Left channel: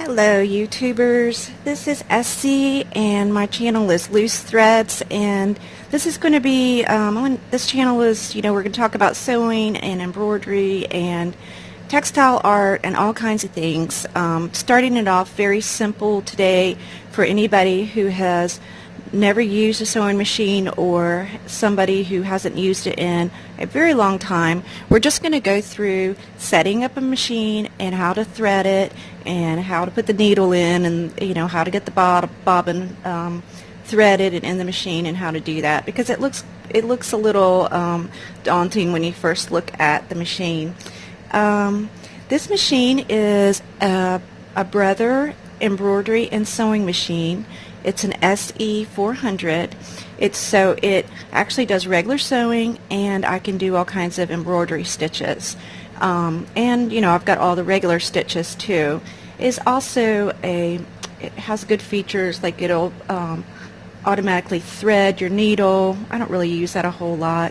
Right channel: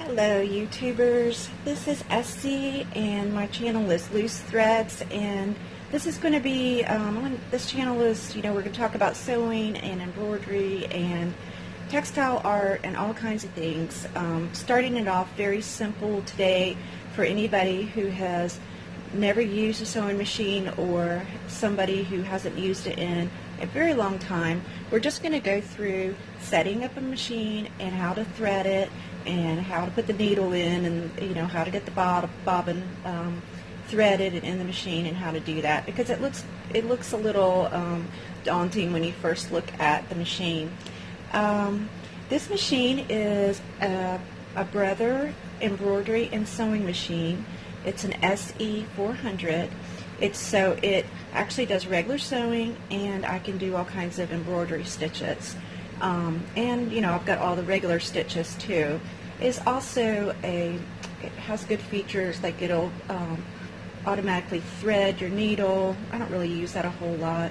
Hello YouTubers, this is Essie and my channel is Loose Threads, and this is going to be, this channel is, we're going to talk about sewing and embroidery and textile art and all kinds of things. Starting it off very simple today for anybody who has never used a sewing machine or somebody who hasn't used it in a very long time. We're just going to go through setting up a machine and how to thread it and how to put the needle in, and how to get the bobbin threaded and in the machine, and how to do that, because it looks a little daunting when you first look at the machine. This machine is a Brother embroidery and sewing machine. It's an SE400. It actually does regular sewing, and I can do all kinds of embroidery stitches. And I've got all the regular stitches too. It has good features, like it'll automatically thread your needle. I don't really use that a whole lot.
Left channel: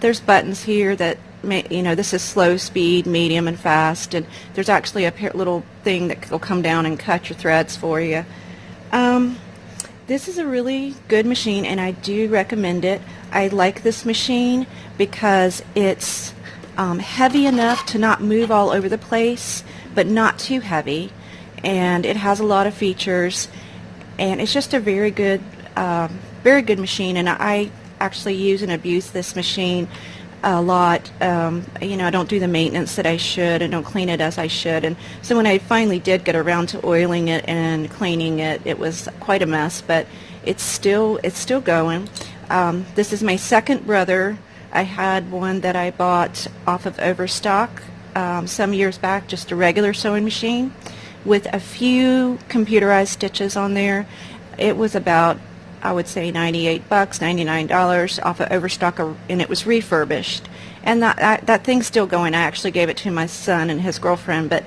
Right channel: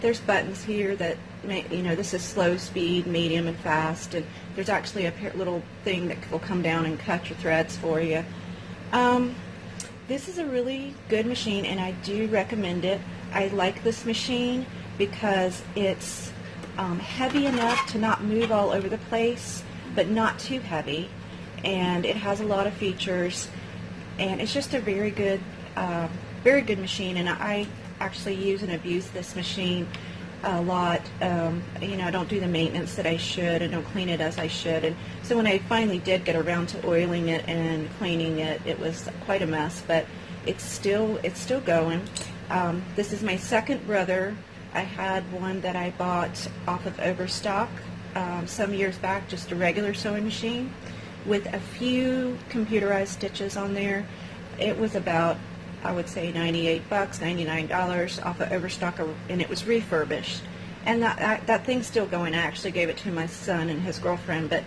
There's buttons here that this is slow speed, medium, and fast, and there's actually a little thing that will come down and cut your threads for you. This is a really good machine, and I do recommend it. I like this machine because it's heavy enough to not move all over the place, but not too heavy, and it has a lot of features, and it's just a very good machine. And I actually use and abuse this machine a lot. I don't do the maintenance that I should, and don't clean it as I should, and so when I finally did get around to oiling it and cleaning it, it was quite a mess, but it's still going. This is my second Brother. I had one that I bought off of Overstock some years back, just a regular sewing machine with a few computerized stitches on there. It was about, I would say, $98, $99 off of Overstock, and it was refurbished. And that thing's still going. I actually gave it to my son and his girlfriend, but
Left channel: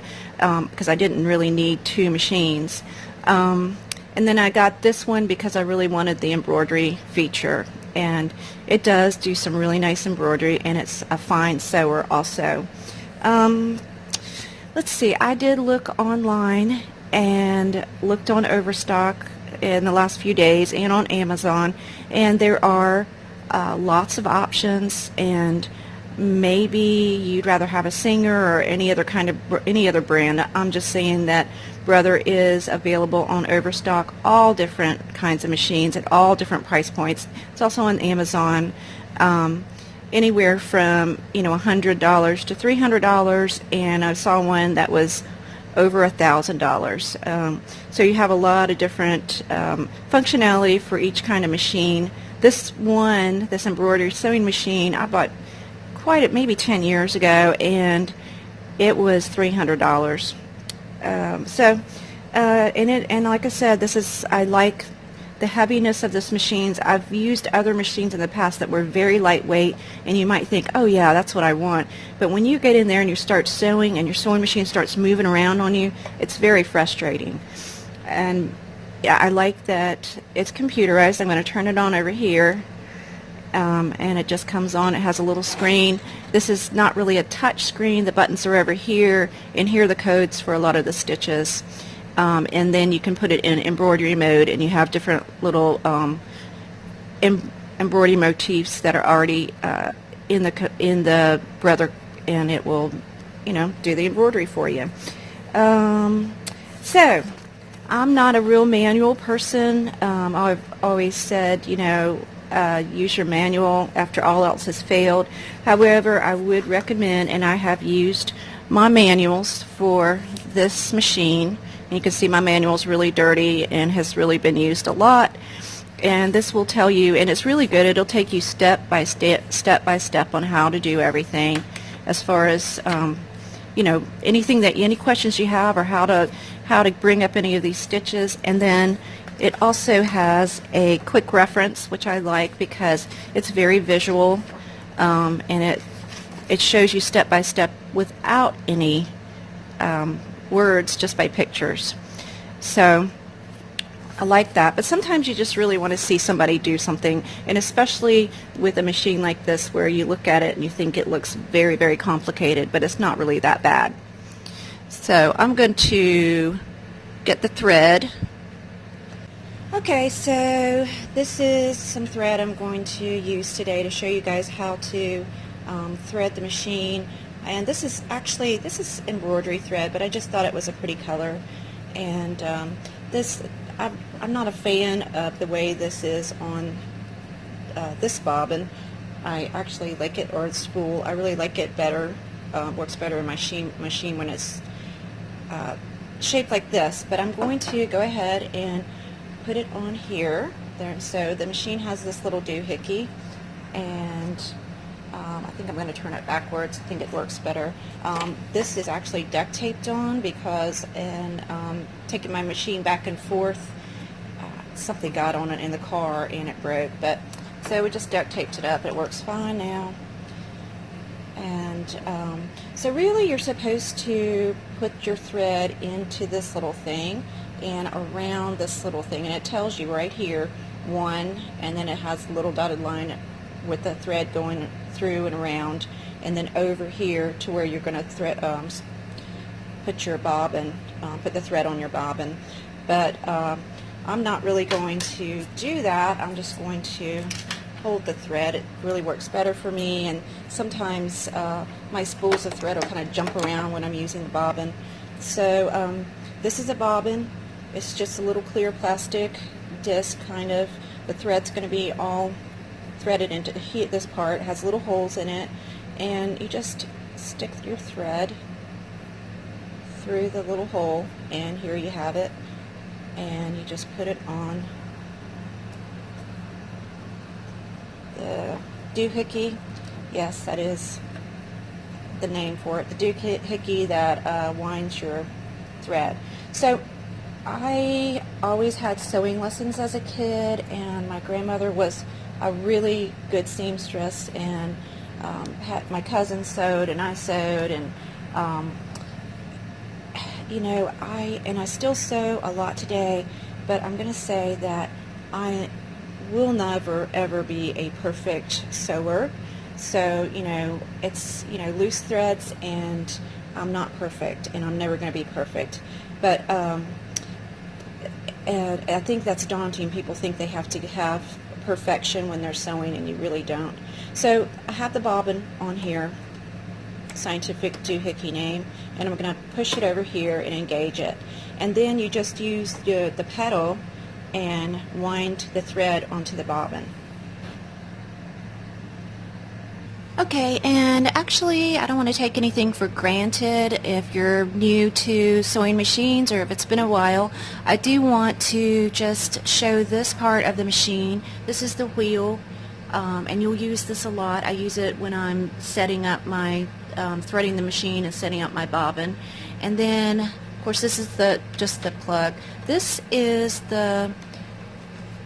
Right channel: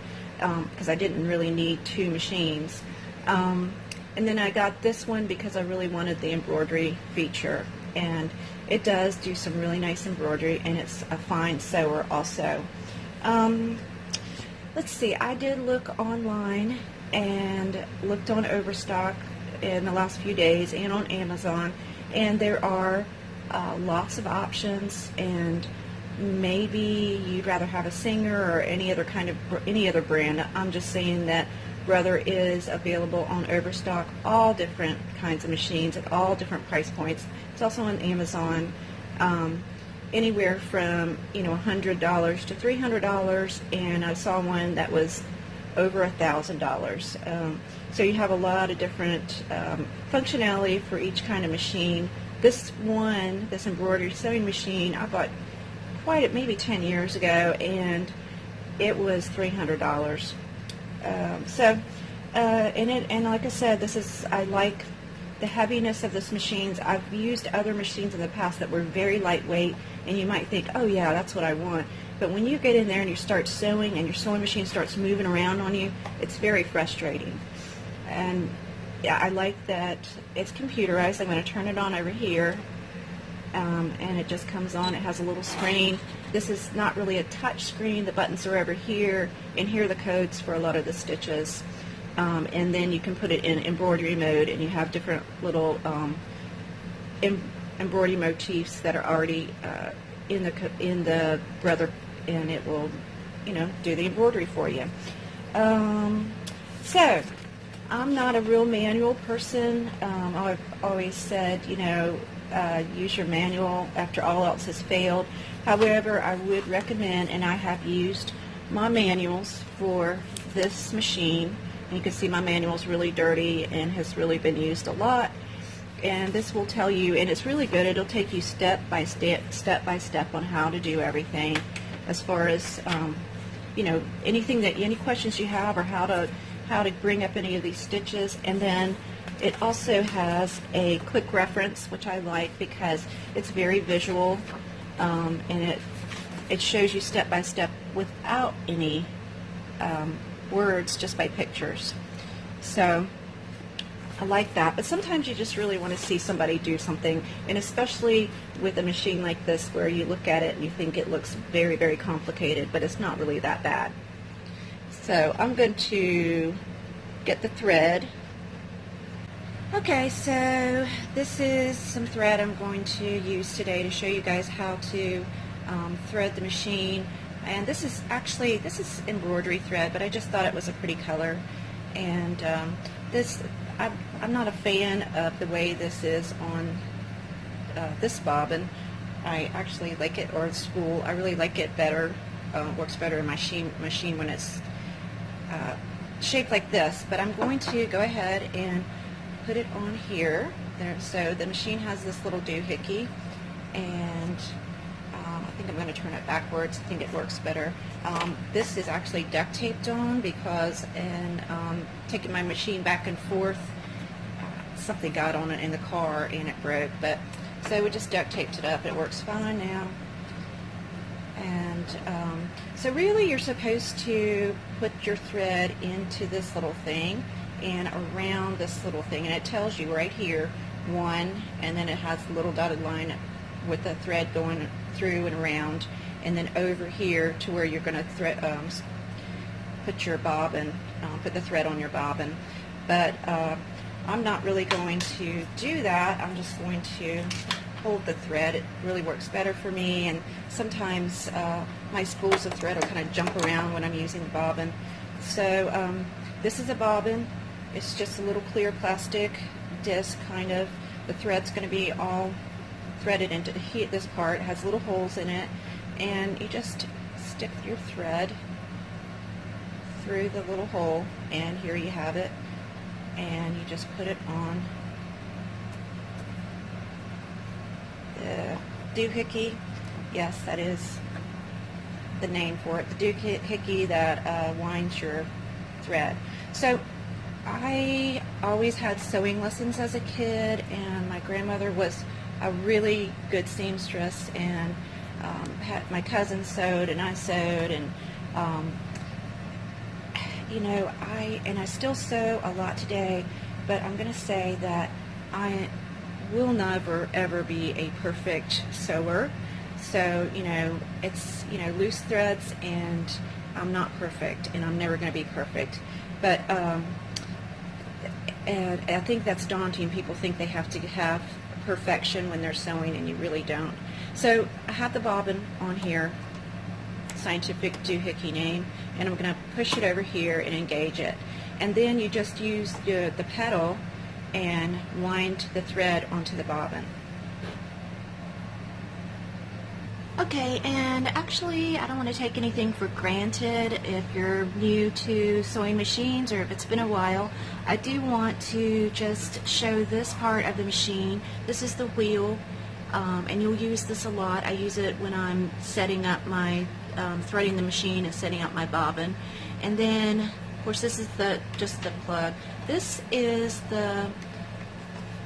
because I didn't really need two machines. And then I got this one because I really wanted the embroidery feature, and it does do some really nice embroidery, and it's a fine sewer also. Let's see, I did look online and looked on Overstock in the last few days and on Amazon, and there are lots of options, and maybe you'd rather have a Singer or any other brand. I'm just saying that Brother is available on Overstock, all different kinds of machines at all different price points. It's also on Amazon, anywhere from $100 to $300, and I saw one that was over $1,000. So you have a lot of different functionality for each kind of machine. This embroidery sewing machine, I bought maybe 10 years ago, and it was $300. And like I said, I like the heaviness of this machine. I've used other machines in the past that were very lightweight, and you might think, oh yeah, that's what I want. But when you get in there and you start sewing and your sewing machine starts moving around on you, it's very frustrating. And yeah, I like that it's computerized. I'm going to turn it on over here, and it just comes on. It has a little screen. This is not really a touch screen. The buttons are over here, and here are the codes for a lot of the stitches. And then you can put it in embroidery mode, and you have different little embroidery motifs that are already in the Brother, and it will do the embroidery for you. So I'm not a real manual person. I've always said use your manual after all else has failed. However, I would recommend, and I have used my manuals for this machine. And you can see my manual is really dirty and has really been used a lot. And this will tell you, and it's really good. It'll take you step by step on how to do everything, as far as any questions you have, or how to bring up any of these stitches. And then it also has a quick reference, which I like because it's very visual, and it shows you step by step without any words, just by pictures. So I like that, but sometimes you just really want to see somebody do something, and especially with a machine like this where you look at it and you think it looks very, very complicated, but it's not really that bad. So I'm going to get the thread. Okay, so this is some thread I'm going to use today to show you guys how to thread the machine. And this is embroidery thread, but I just thought it was a pretty color. And I'm not a fan of the way this is on this bobbin. I actually like it, or spool. I really like it better. Works better in my machine when it's shaped like this. But I'm going to go ahead and put it on here. There, so the machine has this little doohickey, and I think I'm going to turn it backwards. I think it works better. This is actually duct taped on because in taking my machine back and forth, something got on it in the car and it broke. But so we just duct taped it up. It works fine now. And so really you're supposed to put your thread into this little thing and around this little thing, and it tells you right here 1, and then it has a little dotted line with the thread going through and around, and then over here to where you're going to put your bobbin, put the thread on your bobbin. But I'm not really going to do that. I'm just going to hold the thread. It really works better for me, and sometimes my spools of thread will kind of jump around when I'm using the bobbin. So this is a bobbin. It's just a little clear plastic disc, kind of. The thread's going to be all threaded into this part. It has little holes in it, and you just stick your thread through the little hole, and here you have it, and you just put it on the doohickey. Yes, that is the name for it, the doohickey that winds your thread. So I always had sewing lessons as a kid, and my grandmother was a really good seamstress, and my cousin sewed and I sewed, and you know, I still sew a lot today, but I'm going to say that I will never ever be a perfect sewer. So you know, it's, you know, loose threads, and I'm not perfect, and I'm never going to be perfect. But and I think that's daunting. People think they have to have perfection when they're sewing, and you really don't. So I have the bobbin on here, scientific doohickey name, and I'm going to push it over here and engage it. And then you just use the pedal and wind the thread onto the bobbin. Okay, and actually I don't want to take anything for granted. If you're new to sewing machines, or if it's been a while, I do want to just show this part of the machine. This is the wheel, and you'll use this a lot. I use it when I'm setting up my threading the machine and setting up my bobbin. And then of course this is just the plug. This is the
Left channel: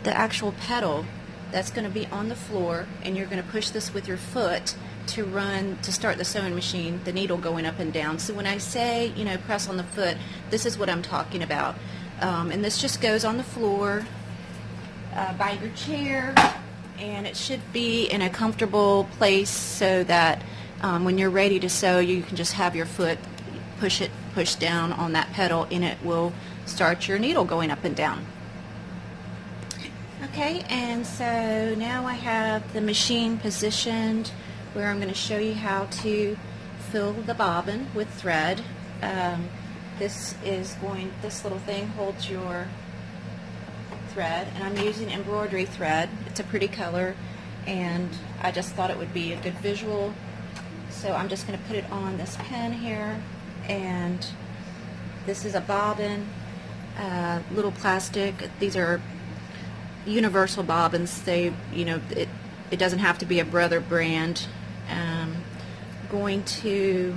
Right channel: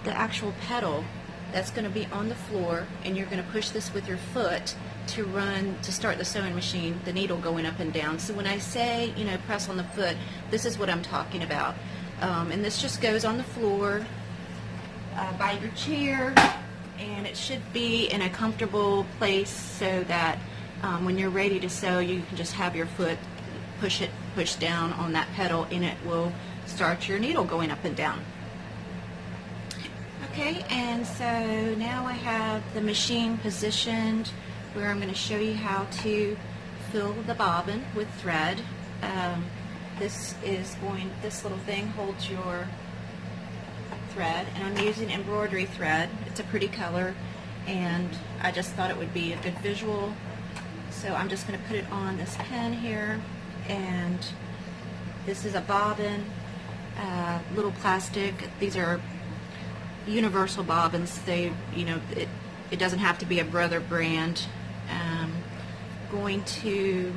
actual pedal that's going to be on the floor, and you're going to push this with your foot to start the sewing machine, the needle going up and down. So when I say, you know, press on the foot, this is what I'm talking about. And this just goes on the floor by your chair, and it should be in a comfortable place so that when you're ready to sew, you can just have your foot push down on that pedal, and it will start your needle going up and down. Okay, and so now I have the machine positioned where I'm going to show you how to fill the bobbin with thread. This little thing holds your thread, and I'm using embroidery thread. It's a pretty color, and I just thought it would be a good visual. So I'm just going to put it on this pen here, and this is a bobbin, little plastic. These are universal bobbins. They, you know, it doesn't have to be a Brother brand. Going to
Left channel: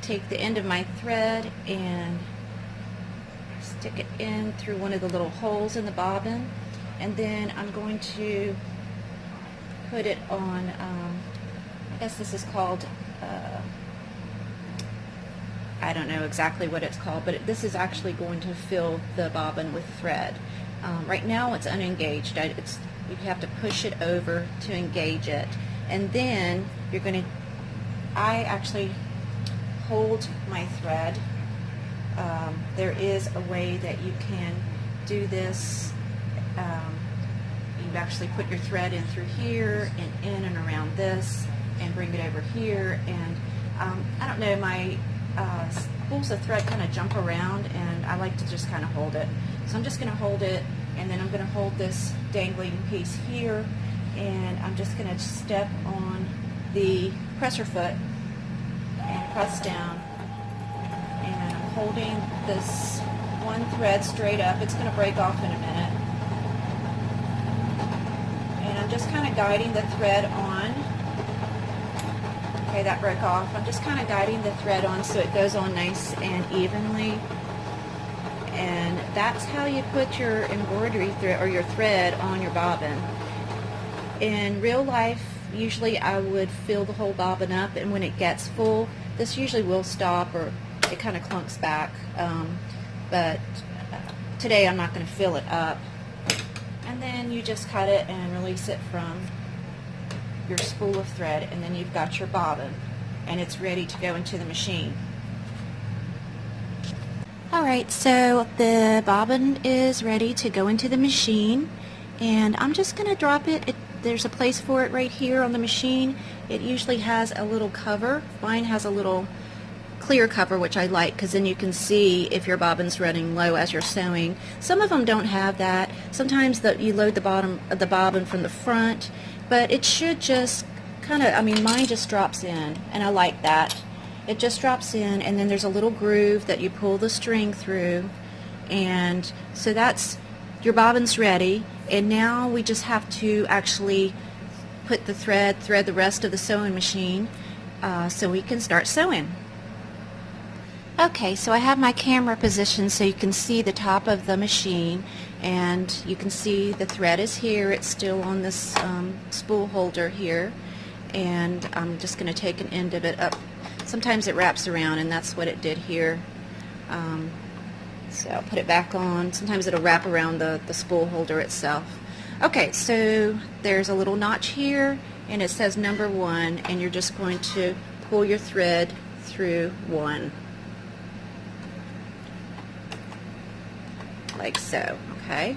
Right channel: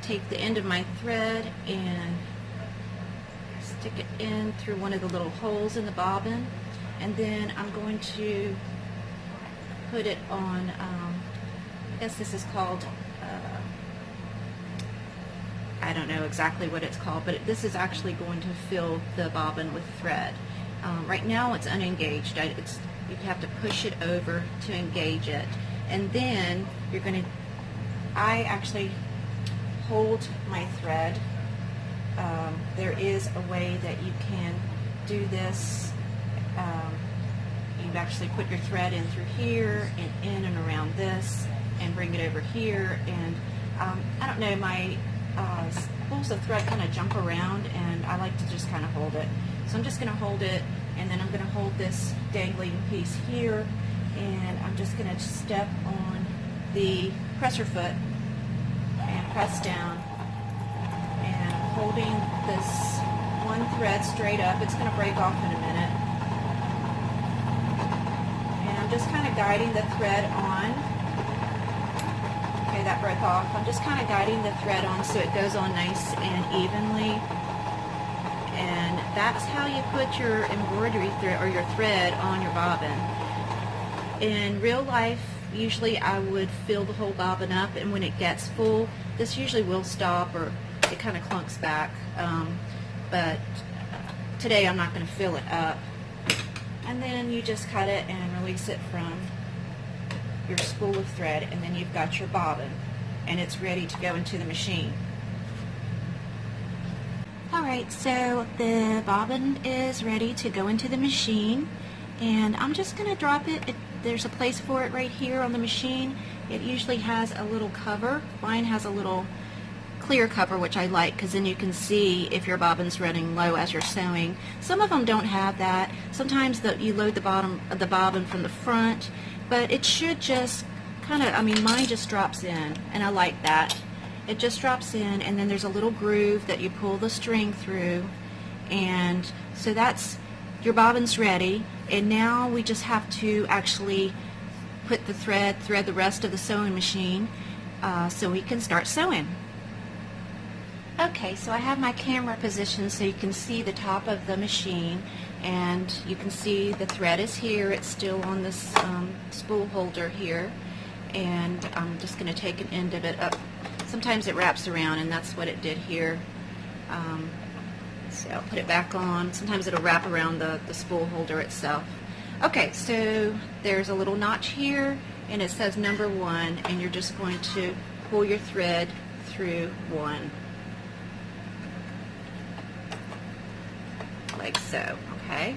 take the end of my thread and stick it in through one of the little holes in the bobbin, and then I'm going to put it on, I guess this is called, I don't know exactly what it's called, but this is actually going to fill the bobbin with thread. Right now it's unengaged. You have to push it over to engage it, and then you're going to, I actually hold my thread. there is a way that you can do this. You actually put your thread in through here and in and around this and bring it over here. And I don't know, my spools of thread kind of jump around, and I like to just kind of hold it. So I'm just going to hold it, and then I'm going to hold this dangling piece here, and I'm just going to step on the presser foot and press down, and I'm holding this one thread straight up. It's going to break off in a minute. And I'm just kind of guiding the thread on. Okay, that broke off. I'm just kind of guiding the thread on so it goes on nice and evenly. And that's how you put your embroidery thread or your thread on your bobbin. In real life, usually I would fill the whole bobbin up, and when it gets full, this usually will stop or it kind of clunks back. But today I'm not going to fill it up. And then you just cut it and release it from your spool of thread, and then you've got your bobbin, and it's ready to go into the machine. Alright, so the bobbin is ready to go into the machine, and I'm just going to drop it. There's a place for it right here on the machine. It usually has a little cover. Mine has a little clear cover, which I like, because then you can see if your bobbin's running low as you're sewing. Some of them don't have that. Sometimes you load the bobbin from the front, but it should just kind of, I mean, mine just drops in, and I like that. It just drops in, and then there's a little groove that you pull the string through, and so that's, your bobbin's ready, and now we just have to actually put the thread the rest of the sewing machine so we can start sewing. Okay, so I have my camera positioned so you can see the top of the machine, and you can see the thread is here. It's still on this spool holder here, and I'm just going to take an end of it up. Sometimes it wraps around, and that's what it did here. So I'll put it back on. Sometimes it'll wrap around the spool holder itself. Okay, so there's a little notch here, and it says number 1, and you're just going to pull your thread through 1. Like so, okay?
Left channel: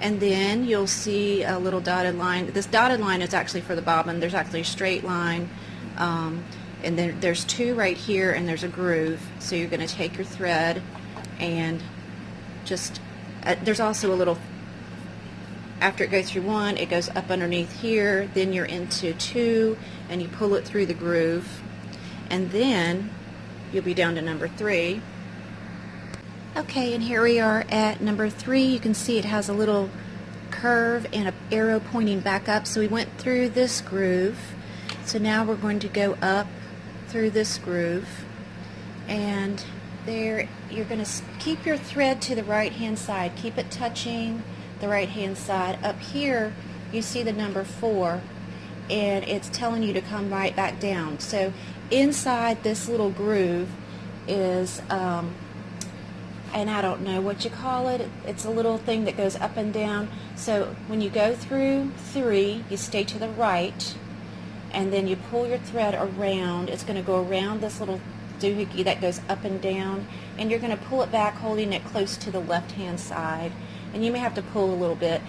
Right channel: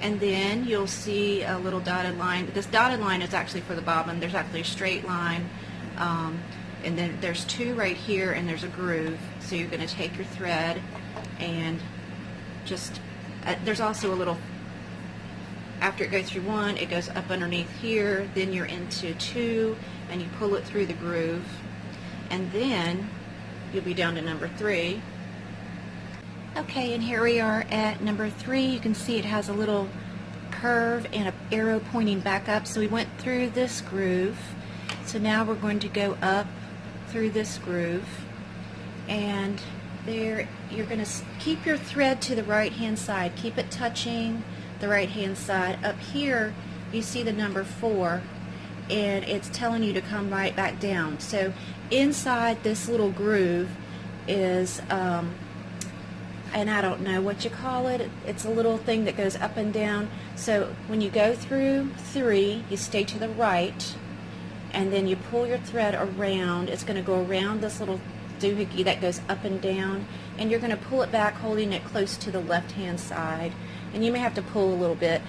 And then you'll see a little dotted line. This dotted line is actually for the bobbin. There's actually a straight line, and then there's 2 right here, and there's a groove. So you're going to take your thread and just, there's also a little, after it goes through 1, it goes up underneath here, then you're into 2, and you pull it through the groove, and then you'll be down to number 3. Okay, and here we are at number 3. You can see it has a little curve and an arrow pointing back up. So we went through this groove. So now we're going to go up through this groove. And there, you're going to keep your thread to the right hand side. Keep it touching the right hand side. Up here, you see the number 4. And it's telling you to come right back down. So inside this little groove is and I don't know what you call it. It's a little thing that goes up and down. So when you go through 3, you stay to the right, and then you pull your thread around. It's going to go around this little doohickey that goes up and down, and you're going to pull it back, holding it close to the left-hand side. And you may have to pull a little bit.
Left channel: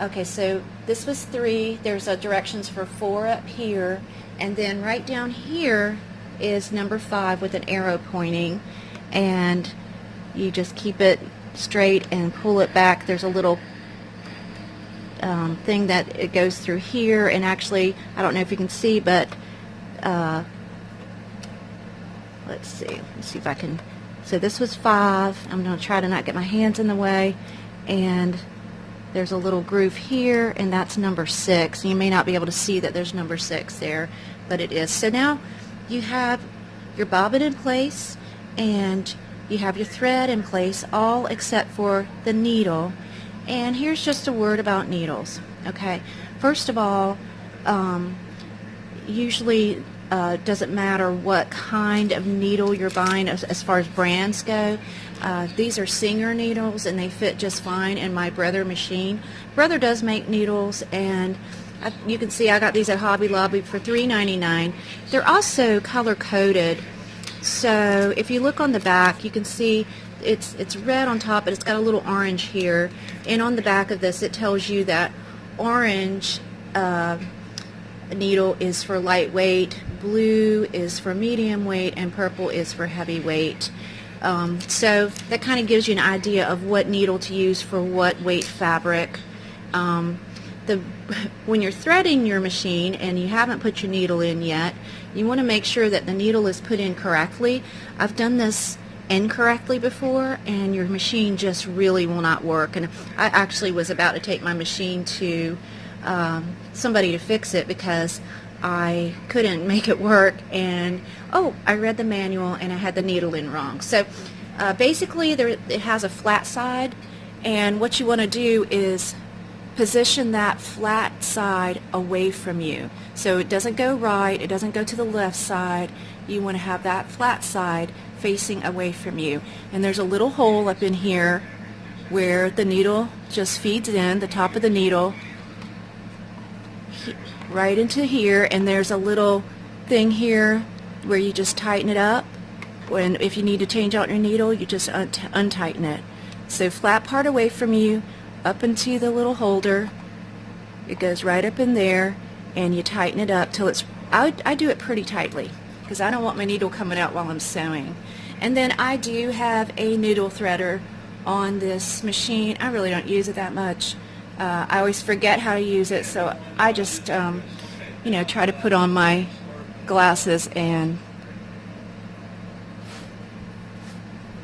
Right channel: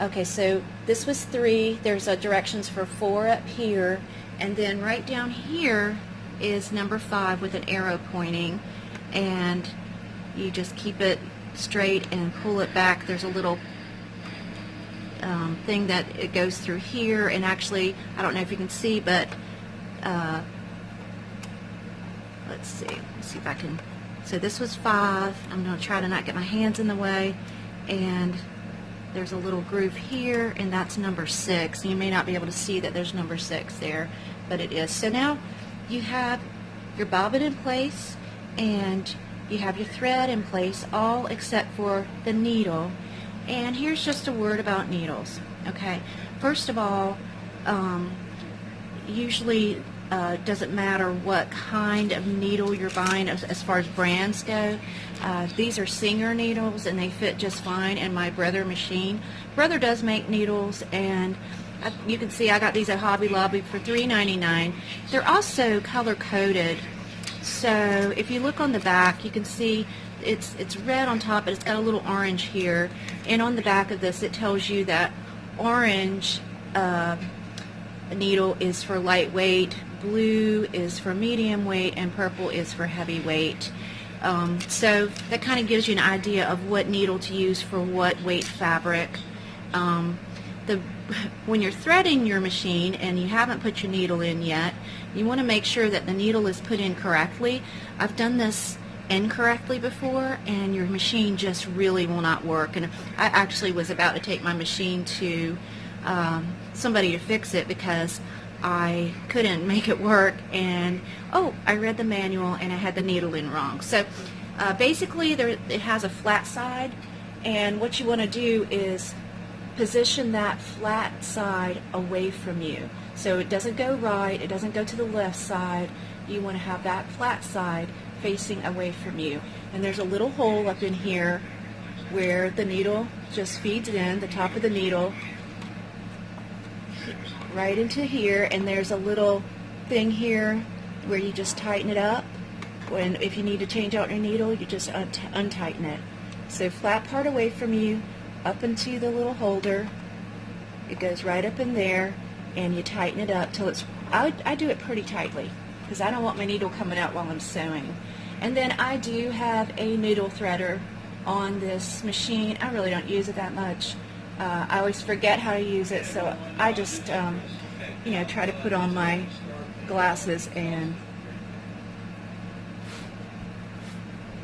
Okay, so this was 3. There's directions for 4 up here, and then right down here is number 5 with an arrow pointing, and you just keep it straight and pull it back. There's a little thing that it goes through here, and actually, I don't know if you can see, but let's see if I can. So this was 5. I'm going to try to not get my hands in the way, and there's a little groove here, and that's number 6. You may not be able to see that there's number 6 there, but it is. So now you have your bobbin in place, and you have your thread in place, all except for the needle. And here's just a word about needles. Okay, first of all, usually doesn't matter what kind of needle you're buying as far as brands go. These are Singer needles, and they fit just fine in my Brother machine. Brother does make needles, and you can see I got these at Hobby Lobby for $3.99. They're also color coded. So if you look on the back, you can see it's red on top, but it's got a little orange here. And on the back of this, it tells you that orange needle is for lightweight, blue is for medium weight, and purple is for heavy weight. So that kind of gives you an idea of what needle to use for what weight fabric. When you're threading your machine and you haven't put your needle in yet, you want to make sure that the needle is put in correctly. I've done this incorrectly before, and your machine just really will not work. And I actually was about to take my machine to somebody to fix it because I couldn't make it work, and I read the manual and I had the needle in wrong. So basically it has a flat side, and what you want to do is position that flat side away from you. So it doesn't go right, it doesn't go to the left side. You want to have that flat side facing away from you. And there's a little hole up in here where the needle just feeds in, the top of the needle, right into here, and there's a little thing here where you just tighten it up. When if you need to change out your needle, you just untighten it. So flat part away from you, up into the little holder. It goes right up in there, and you tighten it up till it's, I do it pretty tightly because I don't want my needle coming out while I'm sewing. And then I do have a needle threader on this machine. I really don't use it that much. I always forget how to use it, so I just try to put on my glasses and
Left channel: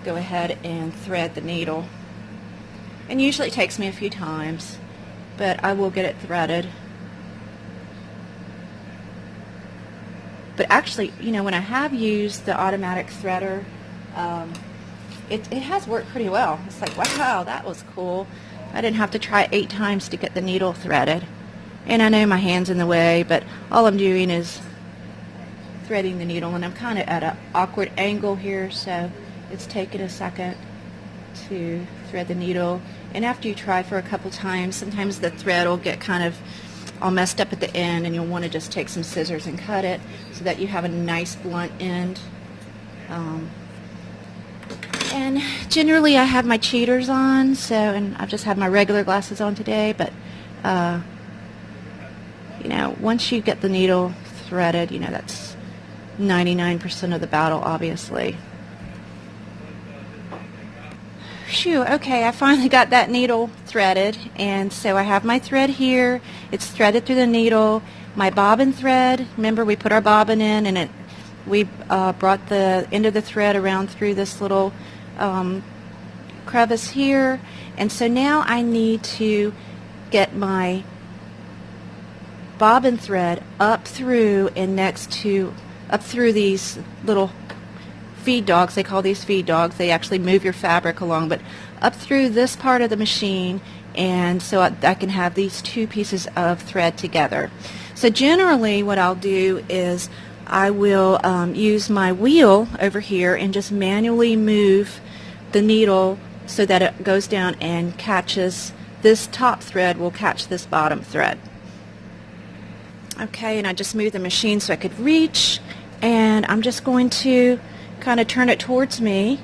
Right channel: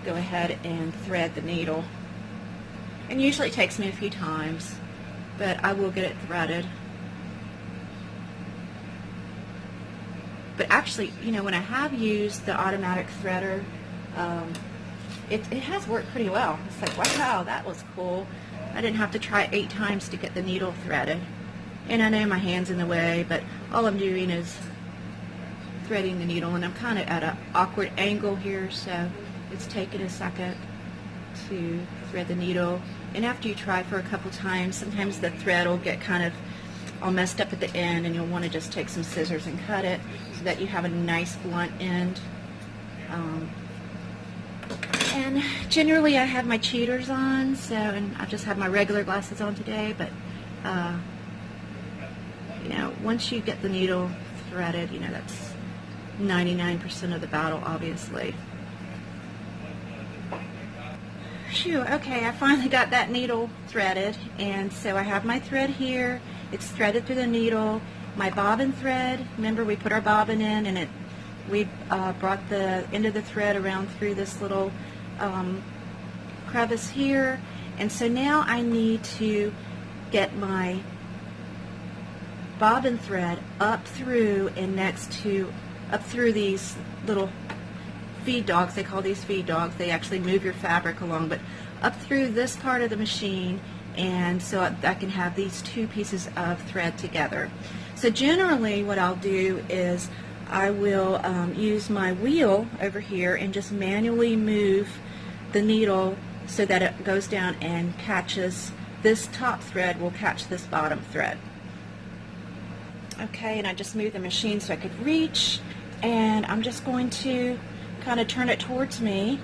go ahead and thread the needle. And usually it takes me a few times, but I will get it threaded. But actually, when I have used the automatic threader, it has worked pretty well. It's like, wow, that was cool. I didn't have to try 8 times to get the needle threaded. And I know my hand's in the way, but all I'm doing is threading the needle, and I'm kind of at an awkward angle here, so it's taking a second to thread the needle. And after you try for a couple times, sometimes the thread will get kind of all messed up at the end, and you'll want to just take some scissors and cut it so that you have a nice blunt end. And generally I have my cheaters on, and I just have my regular glasses on today, but once you get the needle threaded, that's 99% of the battle, obviously. Phew, okay, I finally got that needle threaded, and so I have my thread here. It's threaded through the needle. My bobbin thread, remember we put our bobbin in, and we brought the end of the thread around through this little crevice here, and so now I need to get my bobbin thread up through and up through these little feed dogs. They call these feed dogs. They actually move your fabric along, but up through this part of the machine, and so I can have these 2 pieces of thread together. So generally what I'll do is I will use my wheel over here and just manually move the needle so that it goes down and catches, this top thread will catch this bottom thread. Okay, and I just moved the machine so I could reach, and I'm just going to kind of turn it towards me,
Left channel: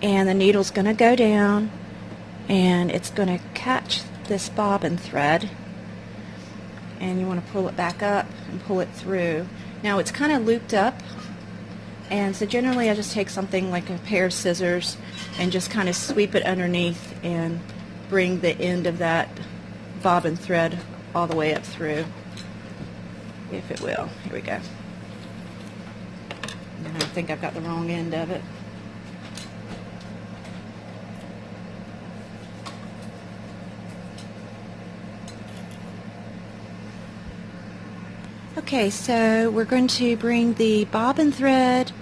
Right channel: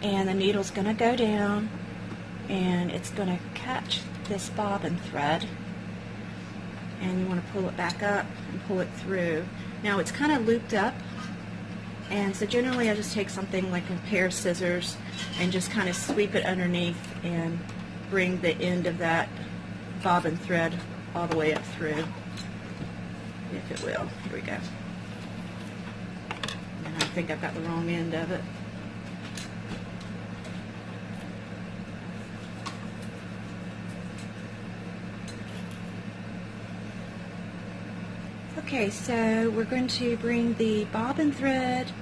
and the needle's going to go down, and it's going to catch this bobbin thread, and you want to pull it back up and pull it through. Now it's kind of looped up, and so generally I just take something like a pair of scissors and just kind of sweep it underneath and bring the end of that bobbin thread all the way up through, if it will. Here we go. And I think I've got the wrong end of it. Okay, so we're going to bring the bobbin thread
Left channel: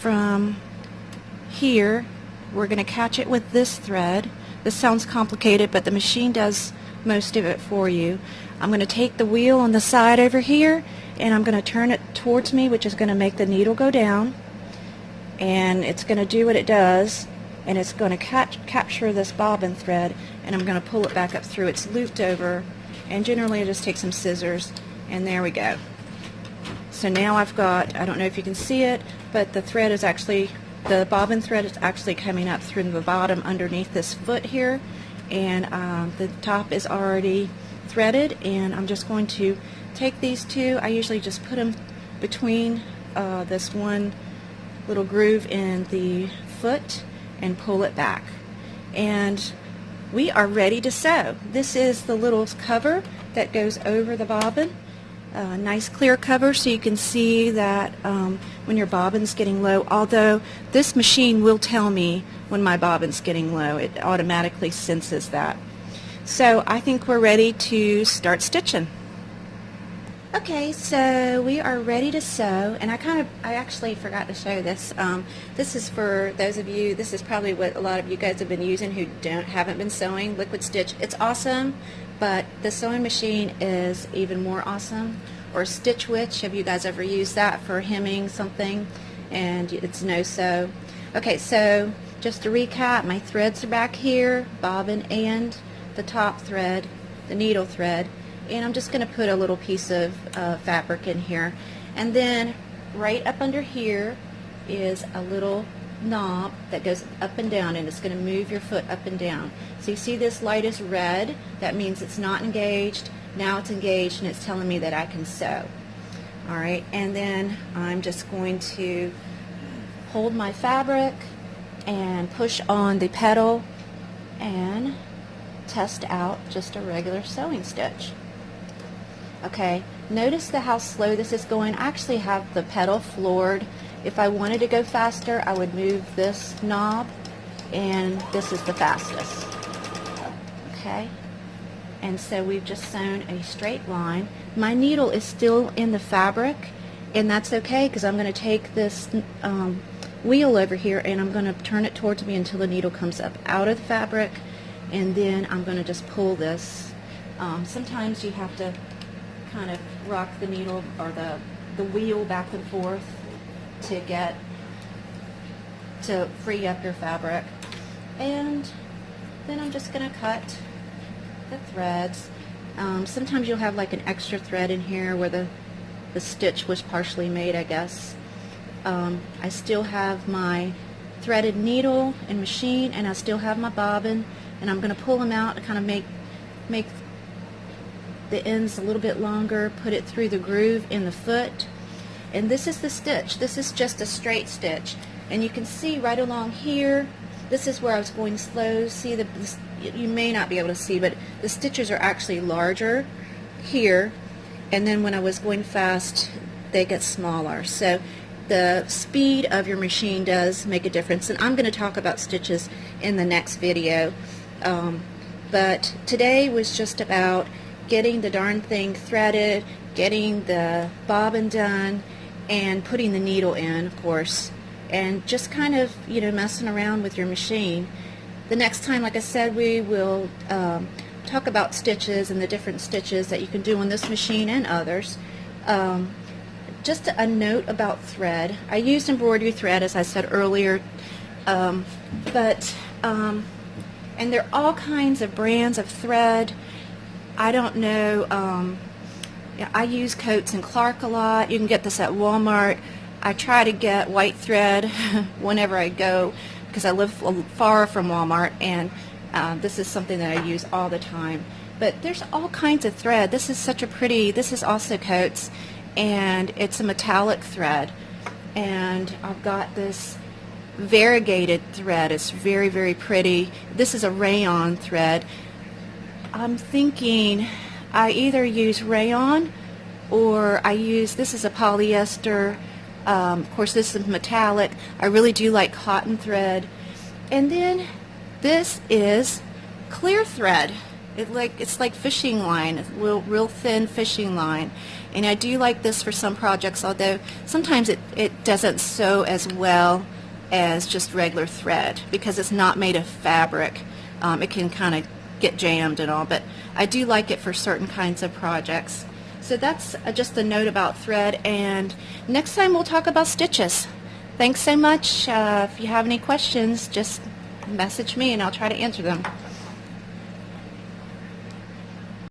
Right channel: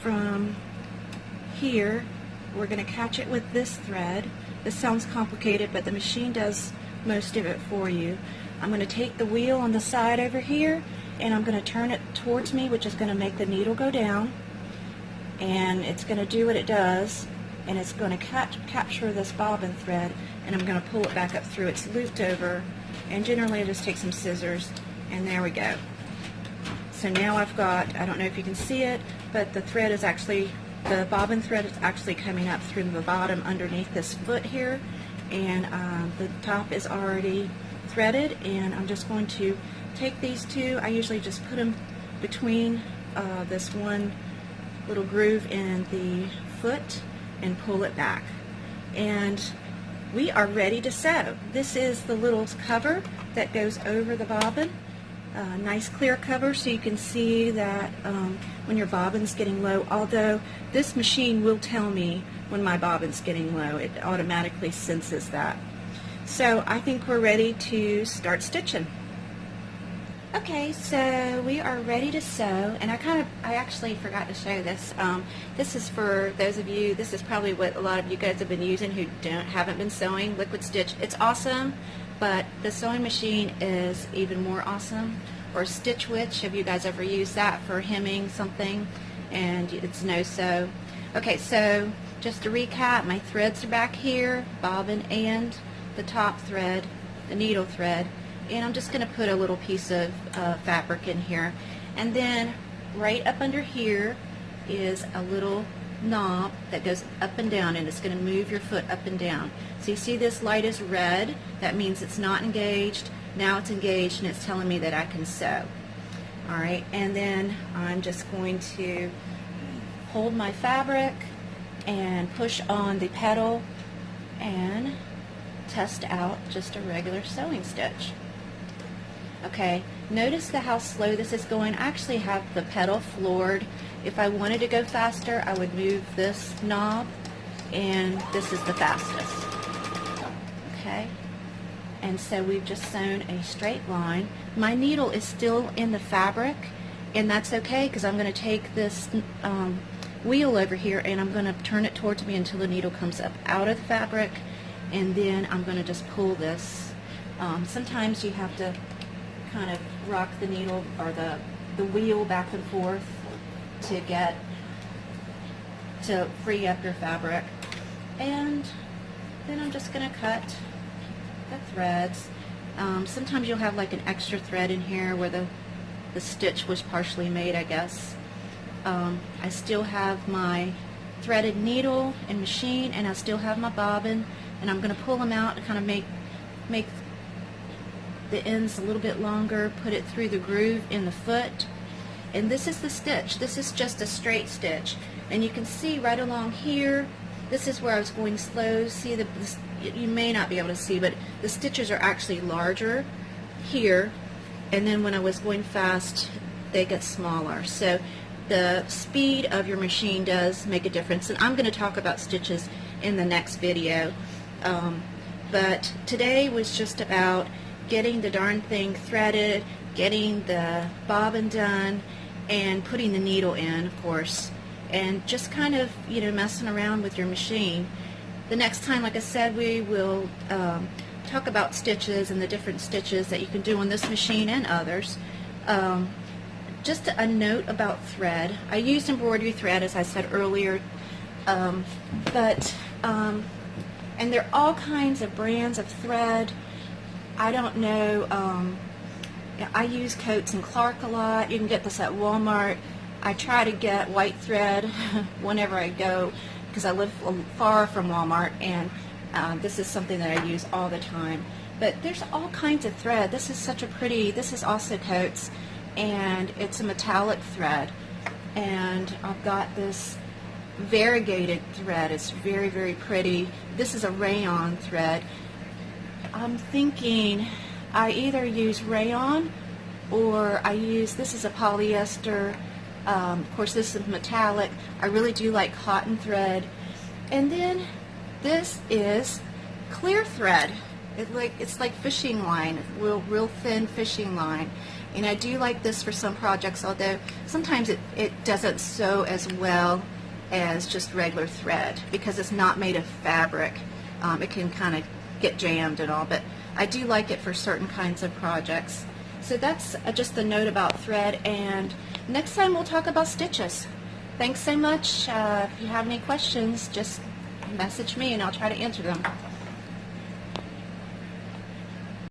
from here. We're going to catch it with this thread. This sounds complicated, but the machine does most of it for you. I'm going to take the wheel on the side over here, and I'm going to turn it towards me, which is going to make the needle go down, and it's going to do what it does, and it's going to capture this bobbin thread, and I'm going to pull it back up through. It's looped over, and generally I just take some scissors, and there we go. So now I've got, I don't know if you can see it, but the thread is actually, the bobbin thread is actually coming up through the bottom underneath this foot here, and the top is already threaded, and I'm just going to take these two. I usually just put them between this one little groove in the foot and pull it back. And we are ready to sew. This is the little cover that goes over the bobbin. Nice clear cover so you can see that when your bobbin's getting low, although this machine will tell me when my bobbin's getting low. It automatically senses that. So I think we're ready to start stitching. Okay, so we are ready to sew, and I actually forgot to show this. This is for those of you, this is probably what a lot of you guys have been using who haven't been sewing, liquid stitch. It's awesome, but the sewing machine is even more awesome. Or Stitch Witch, have you guys ever used that for hemming something and it's no sew? Okay, so just to recap, my threads are back here, bobbin and the top thread, the needle thread. And I'm just going to put a little piece of fabric in here. And then right up under here is a little knob that goes up and down, and it's going to move your foot up and down. So you see this light is red. That means it's not engaged. Now it's engaged, and it's telling me that I can sew. Alright, and then I'm just going to hold my fabric and push on the pedal and test out just a regular sewing stitch. Okay, notice how slow this is going. I actually have the pedal floored. If I wanted to go faster, I would move this knob, and this is the fastest. Okay, and so we've just sewn a straight line. My needle is still in the fabric, and that's okay because I'm going to take this wheel over here and I'm going to turn it towards me until the needle comes up out of the fabric, and then I'm going to just pull this. Sometimes you have to kind of rock the needle or the wheel back and forth to free up your fabric. And then I'm just going to cut the threads. Sometimes you'll have like an extra thread in here where the stitch was partially made, I guess. I still have my threaded needle and machine, and I still have my bobbin, and I'm going to pull them out and kind of make the ends a little bit longer, put it through the groove in the foot. And this is the stitch. This is just a straight stitch. And you can see right along here, this is where I was going slow. See, you may not be able to see, but the stitches are actually larger here. And then when I was going fast, they get smaller. So the speed of your machine does make a difference. And I'm going to talk about stitches in the next video. But today was just about getting the darn thing threaded, getting the bobbin done, and putting the needle in, of course, and just kind of, messing around with your machine. The next time, like I said, we will talk about stitches and the different stitches that you can do on this machine and others. Just a note about thread. I used embroidery thread, as I said earlier, and there are all kinds of brands of thread. I don't know, I use Coates and Clark a lot. You can get this at Walmart. I try to get white thread whenever I go because I live far from Walmart, and this is something that I use all the time. But there's all kinds of thread. This is such a pretty, this is also Coates, and it's a metallic thread. And I've got this variegated thread. It's very, very pretty. This is a rayon thread. I'm thinking I either use rayon or I use, this is a polyester, of course this is metallic. I really do like cotton thread. And then this is clear thread. It's like fishing line, real thin fishing line. And I do like this for some projects, although sometimes it doesn't sew as well as just regular thread because it's not made of fabric. It can kind of get jammed and all, but I do like it for certain kinds of projects. So that's just a note about thread, and next time we'll talk about stitches. Thanks so much. If you have any questions, just message me and I'll try to answer them.